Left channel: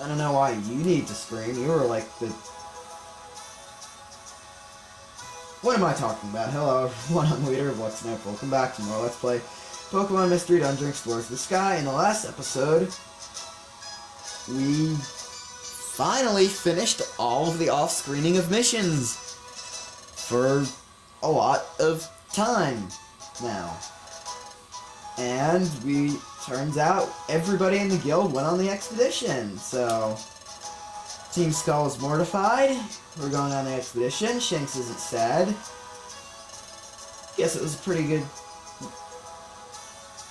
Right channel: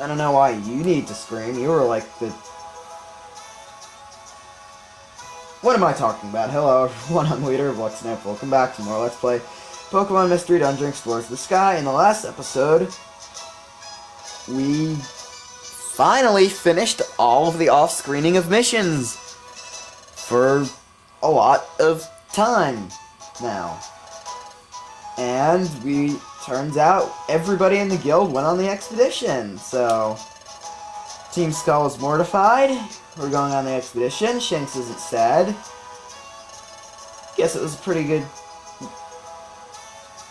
I don't know why you need to scream. You were like the... What am I talking about? Hello everyone, I'm Leader of Let's Snap. Welcome back to more Let's Play Pokemon Mystery Dungeon Explorers the Sky. In the last episode, we finally finished all of the off-screening of missions for a lot of time now. And turns out everybody in the guild went on the expedition, so Team Skull is mortified. We're going on the expedition. Shanks isn't sad. Guess it was a pretty good...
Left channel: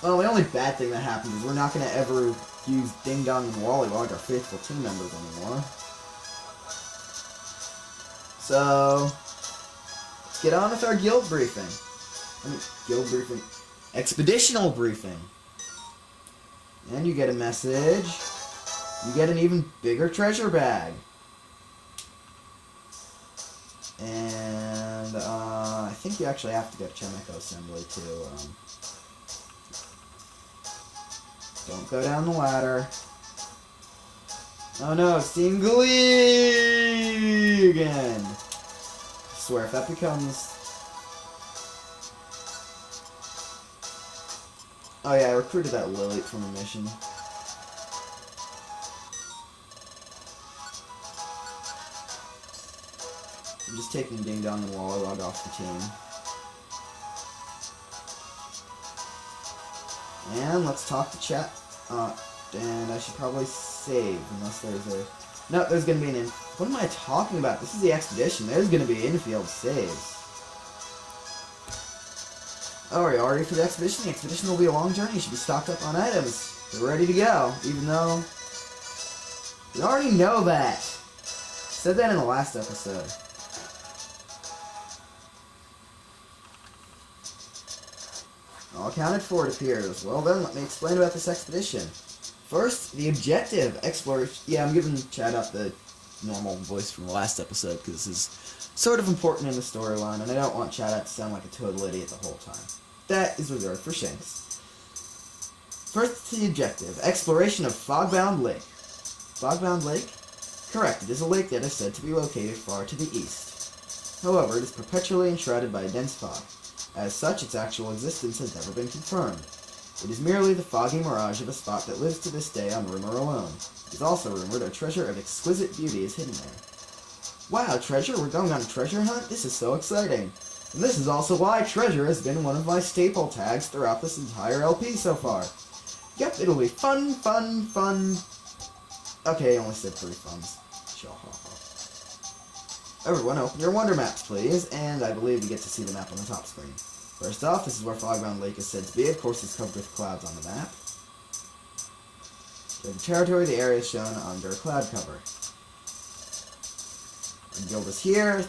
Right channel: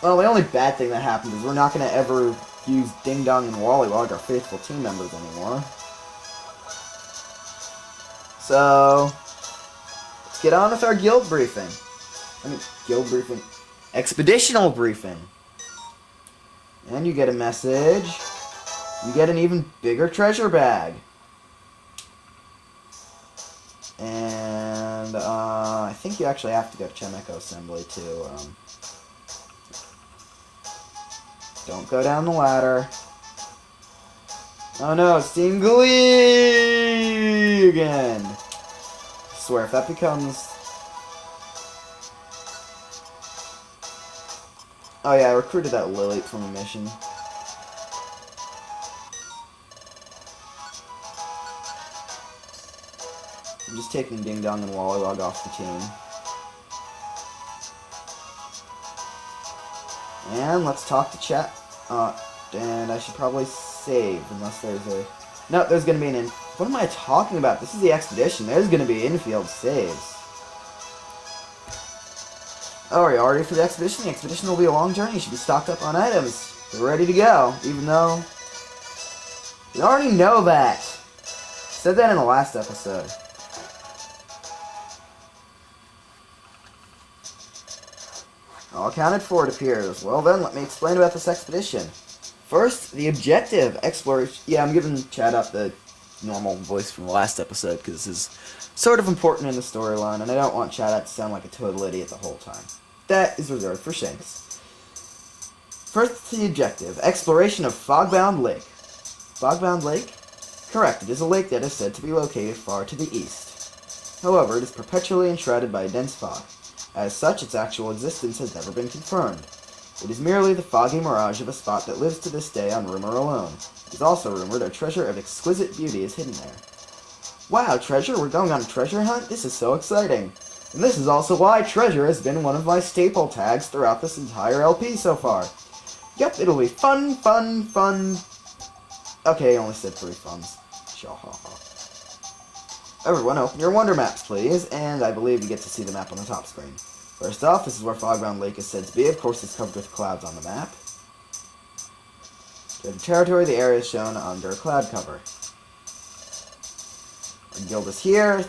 Well, the only bad thing that happened is we're not going to ever use Ding Dong and Wollywog, our faithful team members, anymore. So, let's get on with our guild briefing. Guild briefing. Expeditional briefing. And you get a message. You get an even bigger treasure bag. And, I think you actually have to go to Chemico Assembly, too. Don't go down the ladder. Oh no, it's Team Glee again! I swear, if that becomes... Oh yeah, I recruited that Lily from a mission. I'm just taking Ding Dong and Wollywog off the team. And let's talk to chat. And I should probably save, unless there's a... No, there's gonna be an in... What am I talking about? This is the expedition. There's gonna be infield saves. Oh, are you all ready for the expedition? The expedition will be a long journey. You should be stocked up on items. We're ready to go, even though... You already know that. Said that in the last episode. All accounted for, it appears. Well then, let me explain about this expedition. First, the objective, exploration... Yeah, I'm giving Chatot the normal voice from the last episode, because this is sort of important in the storyline, and I don't want Chatot to sound like a total idiot the whole time. That is reserved for Shanks. First, the objective, exploration of Fogbound Lake. Fogbound Lake? Correct, it is a lake that is said to be located far to the east. However, it is perpetually enshrouded by a dense fog. As such, its actual existence has never been confirmed. It is merely the foggy mirage of a spot that lives to this day on rumor alone. It is also rumored a treasure of exquisite beauty is hidden there. Wow, treasure? We're going on a treasure hunt? This is so exciting. And this is also why treasure has been one of my staple tags throughout this entire LP so far. Yep, it'll be fun, fun, fun. Okay, I only said 3 funs. Shahaha. Everyone, open your wonder maps, please, and I believe you get to see the map on the top screen. First off, this is where Fogbound Lake is said to be. Of course, it's covered with clouds on the map. To the territory, the area is shown under cloud cover. Our guild is here.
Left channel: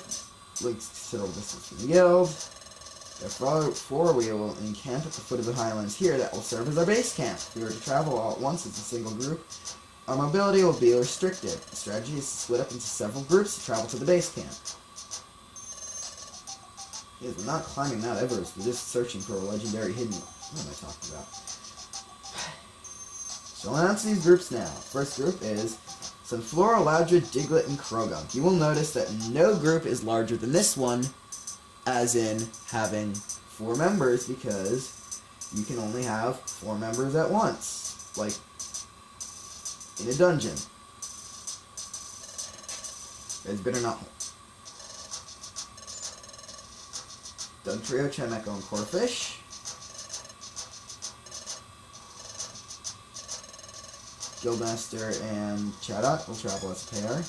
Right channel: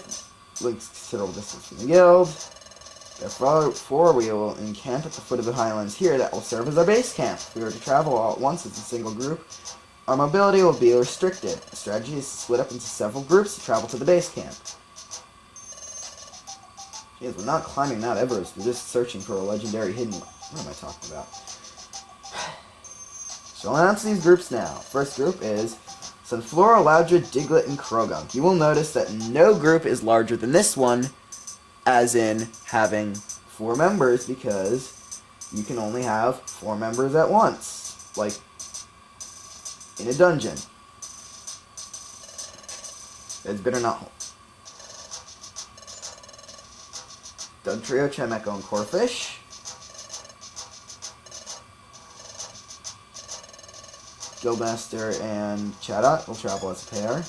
Link's considerable distance from the guild. Therefore, we will encamp at the foot of the highlands here. That will serve as our base camp. If we were to travel all at once as a single group, our mobility will be restricted. The strategy is to split up into several groups to travel to the base camp. Jeez, we're not climbing Mount Everest, we're just searching for a legendary hidden... What am I talking about? So I'll announce these groups now. First group is Sunflora, Loudred, Diglett, and Krogunk. You will notice that no group is larger than this one, as in having 4 members, because you can only have 4 members at once. Like, in a dungeon. It's better not hold. Dugtrio, Chemeco, and Corfish. Guildmaster and Chatot will travel as a pair.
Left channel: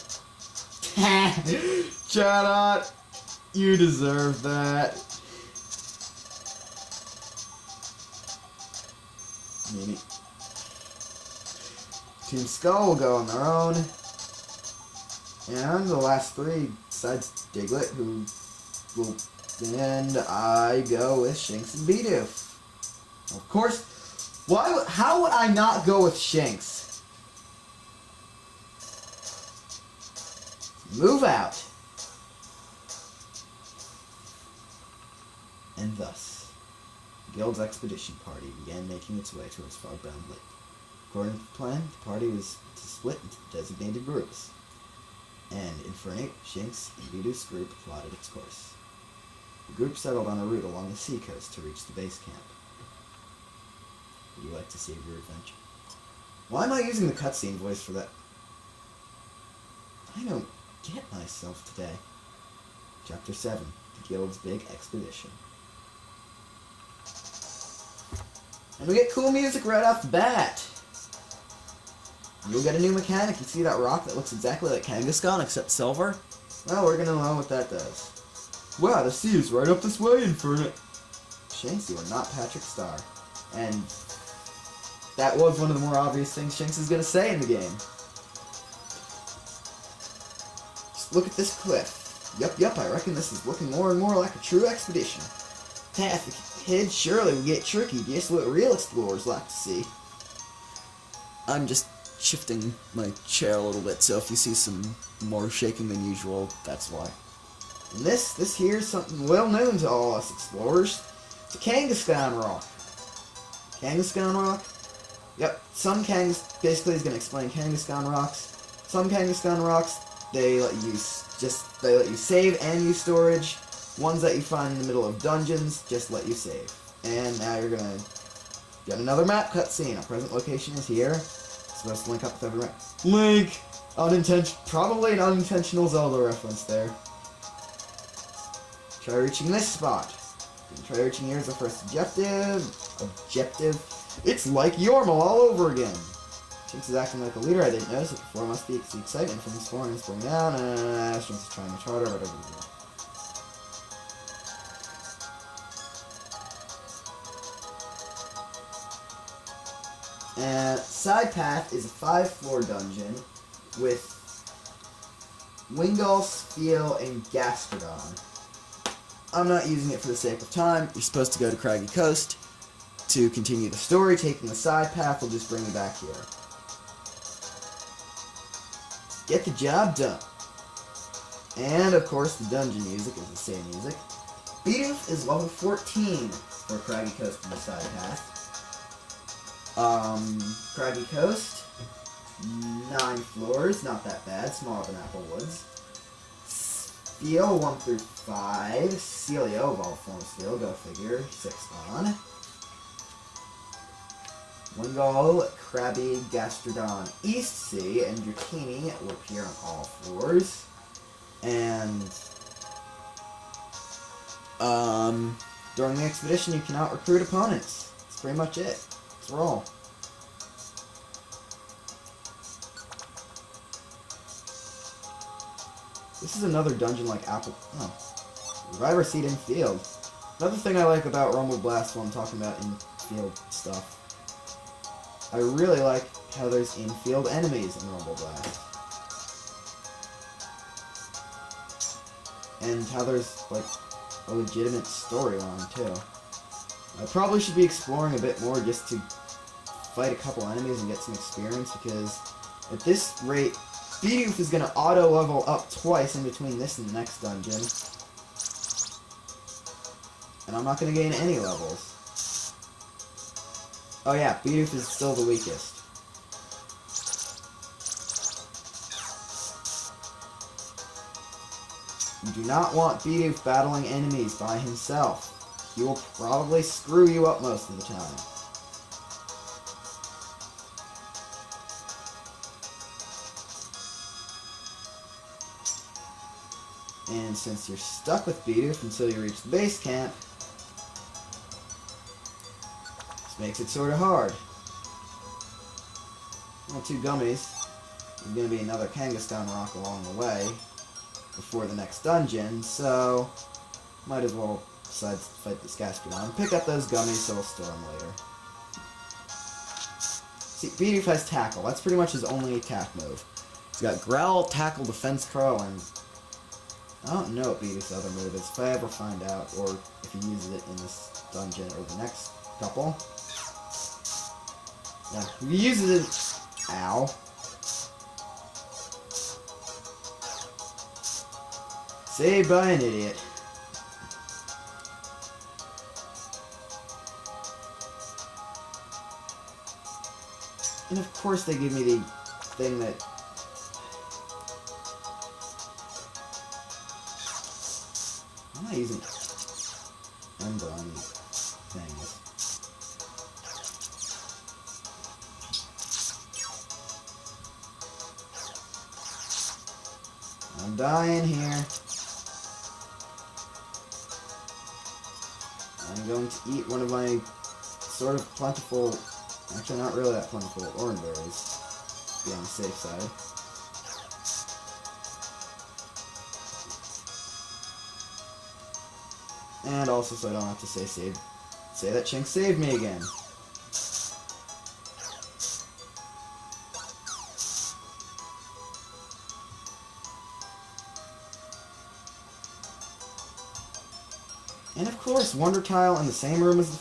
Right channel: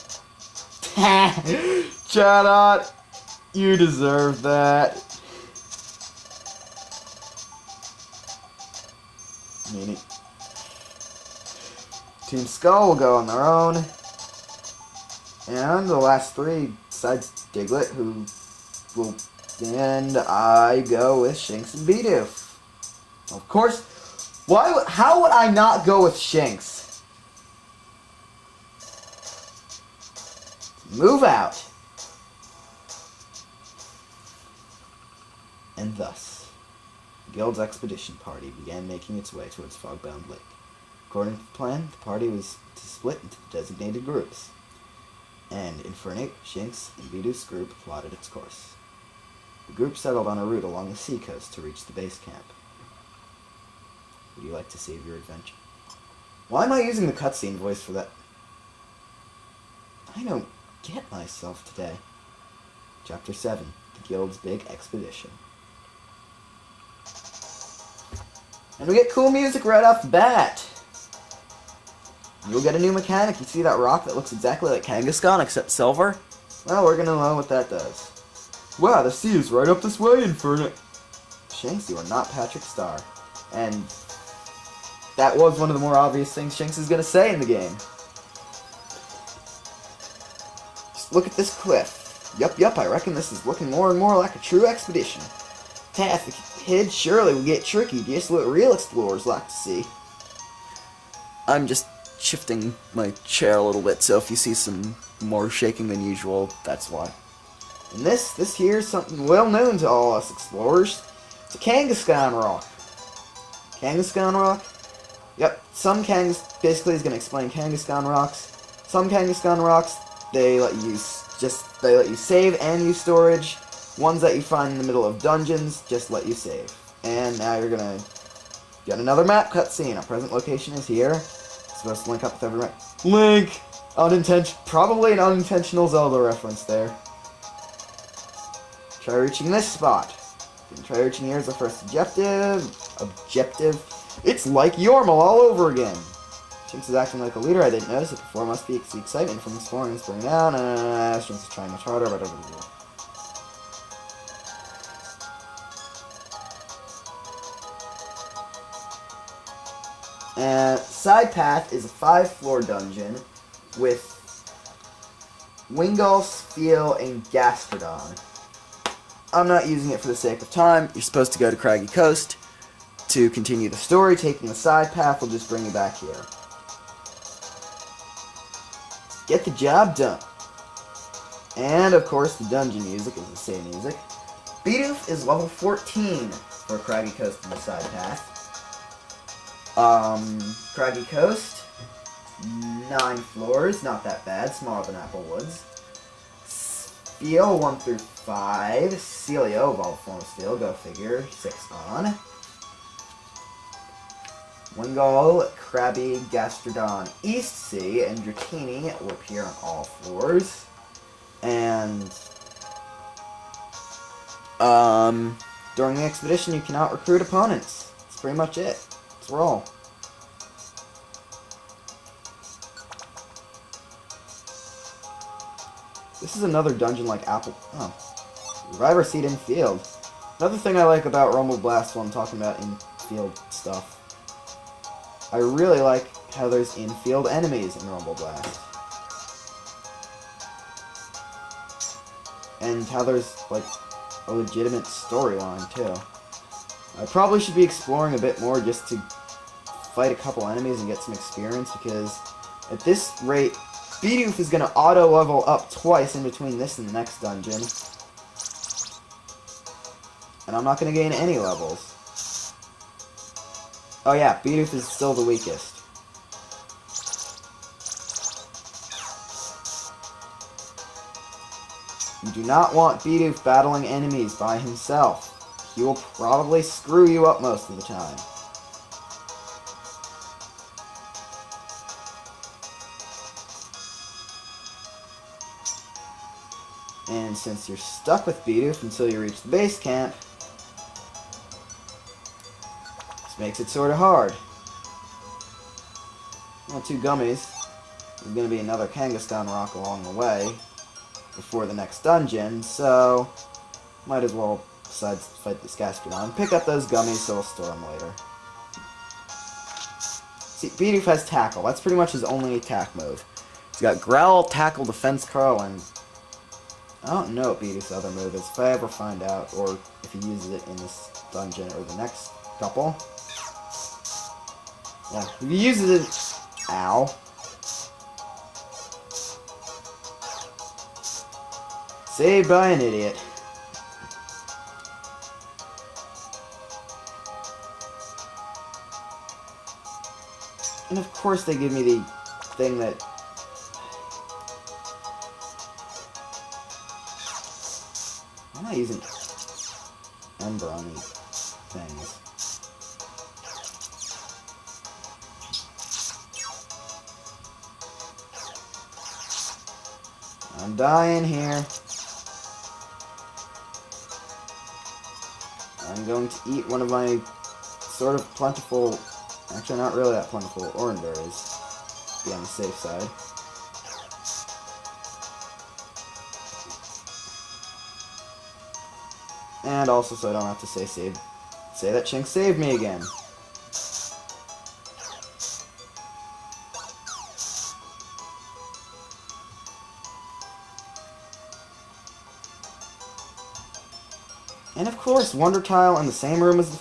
Chatot! You deserve that. Meaning. Team Skull will go on their own. And the last 3, besides Diglett, who will... And I go with Shanks and Bidoof. Of course, how would I not go with Shanks? Move out. And thus, The guild's expedition party began making its way towards Fogbound Lake. According to the plan, the party was to split into designated groups, and Infernape, Shinx, and Bidoof's group plotted its course. The group settled on a route along the seacoast to reach the base camp. Would you like to save your adventure? Why am I using the cutscene voice for that? I don't get myself today. Chapter 7, The Guild's Big Expedition. And we get cool music right off the bat. You'll get a new mechanic. You see that rock that looks exactly like Kangaskhan except silver? Well, we're gonna know what that does. Wow, the sea is right up this way, Inferno. Shinx, you are not Patrick Star. And that was one of the more obvious things Shinx is gonna say in the game. Just look at this cliff. Yup, I reckon this is looking more and more like a true expedition. Path ahead surely will get tricky, just what real explorers like to see. I'm just shifting my chair a little bit, so if you see some more shaking than usual, that's why. And this here is something well known to all us explorers. It's a Kangaskhan rock. Kangaskhan rock? Yep, basically is going to explain Kangaskhan rocks. Some Kangaskhan rocks, they let you save and use storage. Ones that you find in the middle of dungeons just let you save. And now you're going to get another map cutscene. Our present location is here. It's supposed to link up with every map. Link! Probably an unintentional Zelda reference there. Try reaching this spot. Didn't try reaching here as the first objective. It's like Yormal all over again. Shinx is acting like a leader. I didn't notice it before. Must be the excitement from exploring and spring down. Shinx is trying much harder, but Side Path is a 5-floor dungeon with Wingull, Spiel, and Gastrodon. I'm not using it for the sake of time. You're supposed to go to Craggy Coast to continue the story. Taking the side path will just bring you back here. Get the job done. And, of course, the dungeon music is the same music. Bidoof is level 14 for Craggy Coast and the side path. Craggy Coast, 9 floors, not that bad, smaller than Applewoods. Spiel, 1 through 5. Celio, of all forms Spiel, go figure, 6 on. Wingull, Krabby, Gastrodon, East Sea, and Dratini will appear on all floors. And, during the expedition you cannot recruit opponents. That's pretty much it. Let's roll. This is another dungeon like Reviver Seed in Field. Another thing I like about Rumble Blast while I'm talking about in-field stuff. I really like how there's in-field enemies in Rumble Blast. And how there's, like, a legitimate storyline, too. I probably should be exploring a bit more just to fight a couple enemies and get some experience, because at this rate, Bidoof is going to auto-level up twice in between this and the next dungeon. And I'm not going to gain any levels. Oh yeah, Bidoof is still the weakest. You do not want Bidoof battling enemies by himself. He will probably screw you up most of the time. And since you're stuck with Bidoof until you reach the base camp, this makes it sort of hard. Well, 2 gummies. There's going to be another Kangaskhan rock along the way before the next dungeon, so might as well decide to fight this Gastrodon. Pick up those gummies so we'll store them later. See, Bidoof has Tackle. That's pretty much his only attack move. He's got Growl, Tackle, Defense Curl, and I don't know what Bidoof's other move is. If I ever find out, or if he uses it in this dungeon or the next couple. Yeah, if he uses it... Ow. Saved by an idiot. And of course they give me the thing that... Why am I using Ember on these things? I'm dying here. I'm going to eat one of my sort of plentiful, actually not really that plentiful, orange berries. Be on the safe side. And also so I don't have to say that Chink saved me again. And of course, Wonder Tile in the same room as the...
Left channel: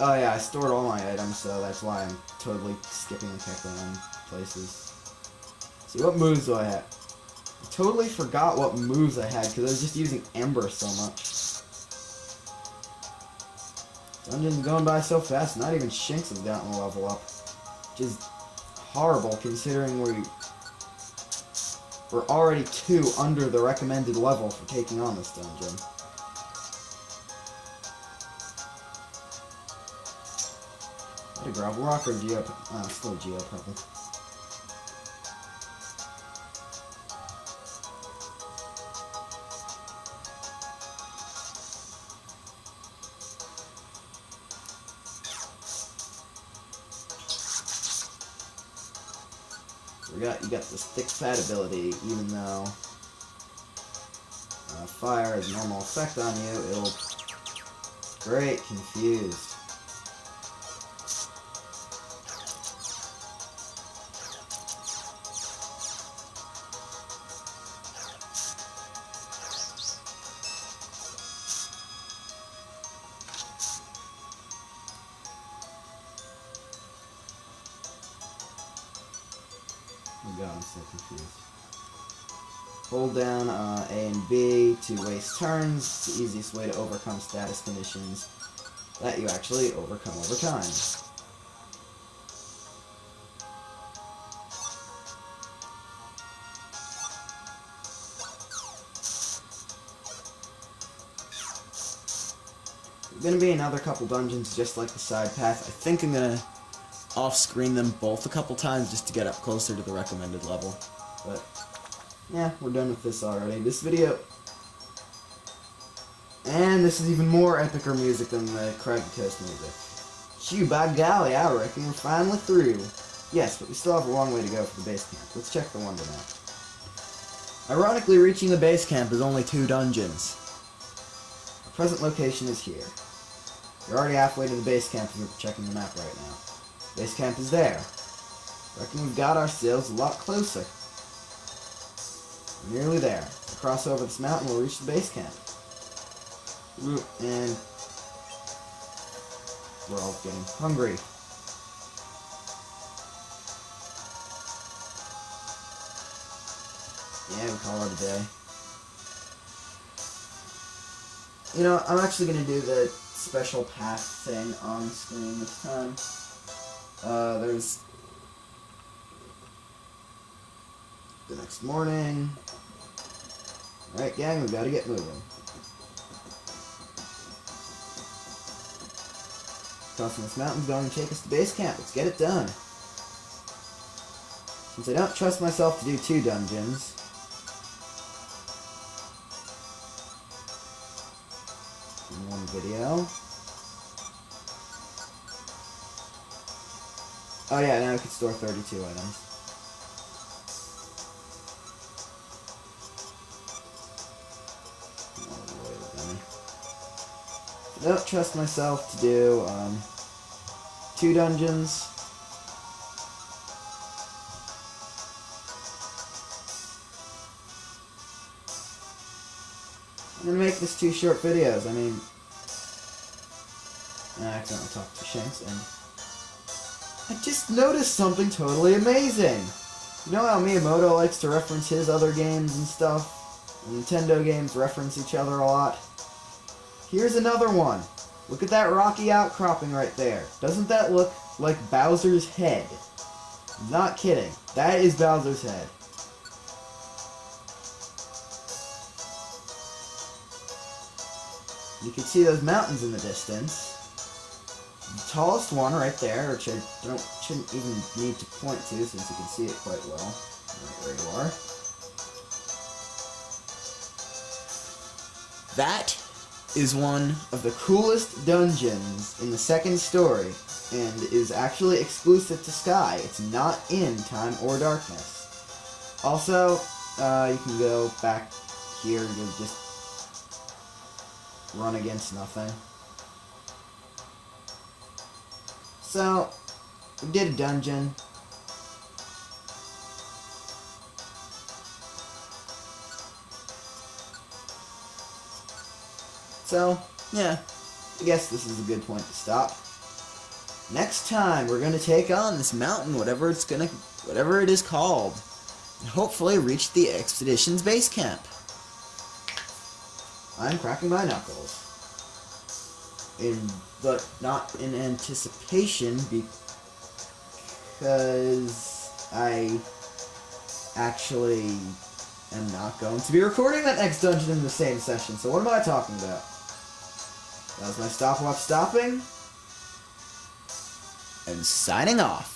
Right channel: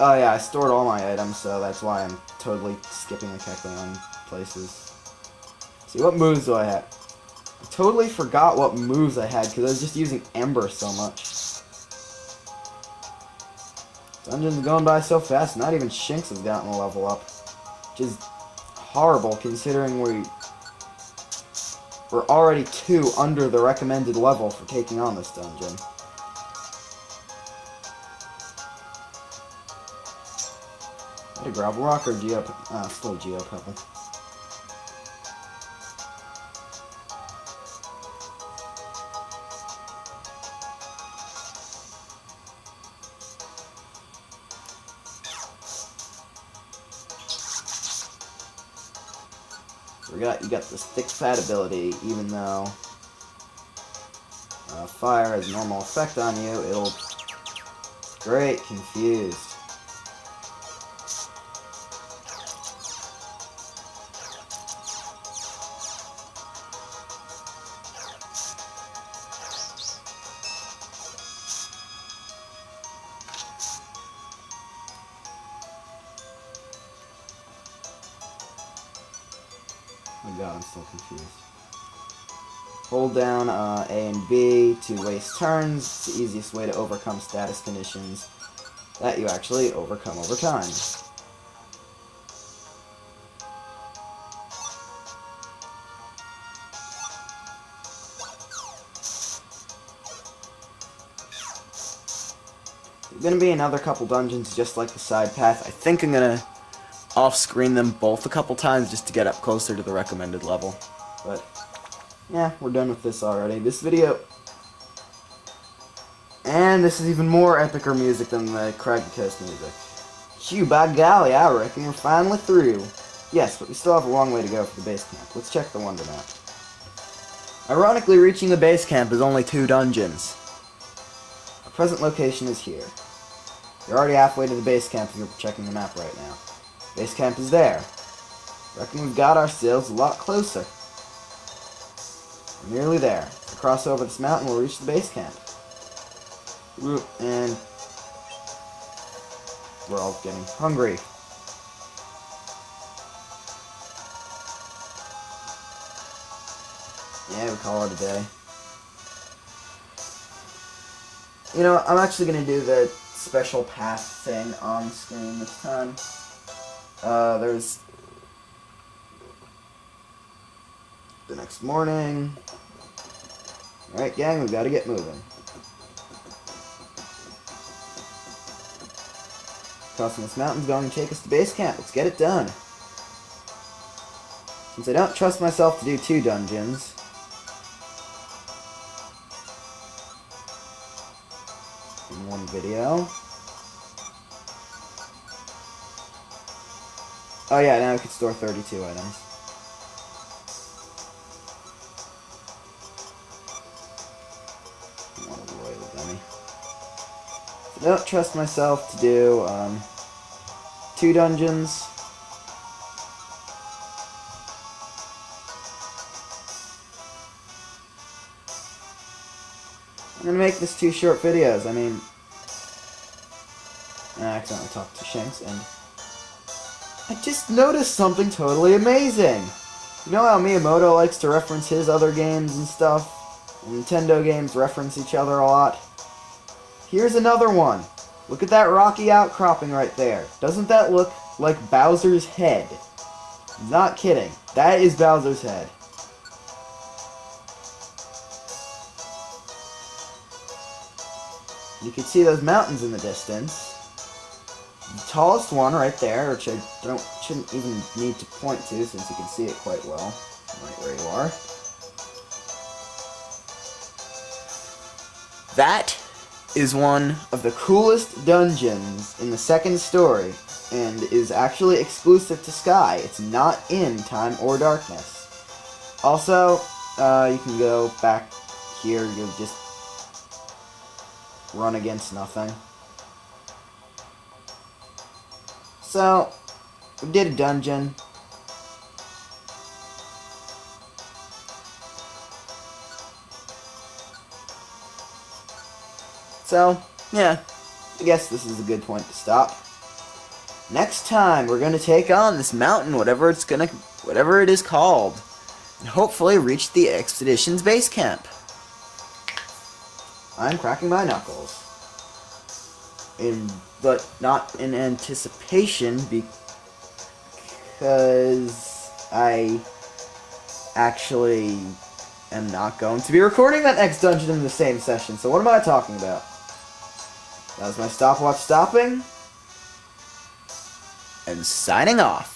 Oh yeah, I stored all my items, so that's why I'm totally skipping and cackling on places. See, what moves do I have? I totally forgot what moves I had, because I was just using Ember so much. Dungeon's going by so fast, not even Shinx has gotten a level up. Which is horrible, considering we're already 2 under the recommended level for taking on this dungeon. A gravel rock or still Geo Pebble. You got this thick fat ability, even though fire has a normal effect on you, it'll great confused. Oh god, I'm still confused. Hold down A and B to waste turns. It's the easiest way to overcome status conditions that you actually overcome over time. There's going to be another couple dungeons just like the side path. I think I'm going to off-screen them both a couple times just to get up closer to the recommended level. But, yeah, we're done with this already. This video... And this is even more epicer music than the Craggy Coast music. Phew, by golly, I reckon we're finally through. Yes, but we still have a long way to go for the base camp. Let's check the Wonder Map. Ironically, reaching the base camp is only 2 dungeons. Our present location is here. You're already halfway to the base camp if you're checking the map right now. Base camp is there. Reckon we've got ourselves a lot closer. We're nearly there. If we cross over this mountain, we'll reach the base camp. And we're all getting hungry. Yeah, we call it a day. You know, I'm actually going to do the special path thing on screen this time. There's the next morning. Alright, gang, we've got to get moving. Crossing this mountain's going to take us to base camp. Let's get it done. Since I don't trust myself to do 2 dungeons, in one video. Oh yeah, now we can store 32 items. I don't trust myself to do 2 dungeons. I'm gonna make this 2 short videos. I mean, I accidentally talked to Shanks, and I just noticed something totally amazing. You know how Miyamoto likes to reference his other games and stuff? And Nintendo games reference each other a lot? Here's another one. Look at that rocky outcropping right there. Doesn't that look like Bowser's head? Not kidding. That is Bowser's head. You can see those mountains in the distance. The tallest one right there, which I shouldn't even need to point to since you can see it quite well. Right where you are. That is one of the coolest dungeons in the second story, and is actually exclusive to Sky. It's not in Time or Darkness. Also, you can go back here, you'll just run against nothing. So, we did a dungeon. So, yeah, I guess this is a good point to stop. Next time, we're gonna take on this mountain, whatever it is called, and hopefully reach the expedition's base camp. I'm cracking my knuckles. But not in anticipation, because I actually am not going to be recording that next dungeon in the same session, so what am I talking about? That was my stopwatch stopping, and signing off.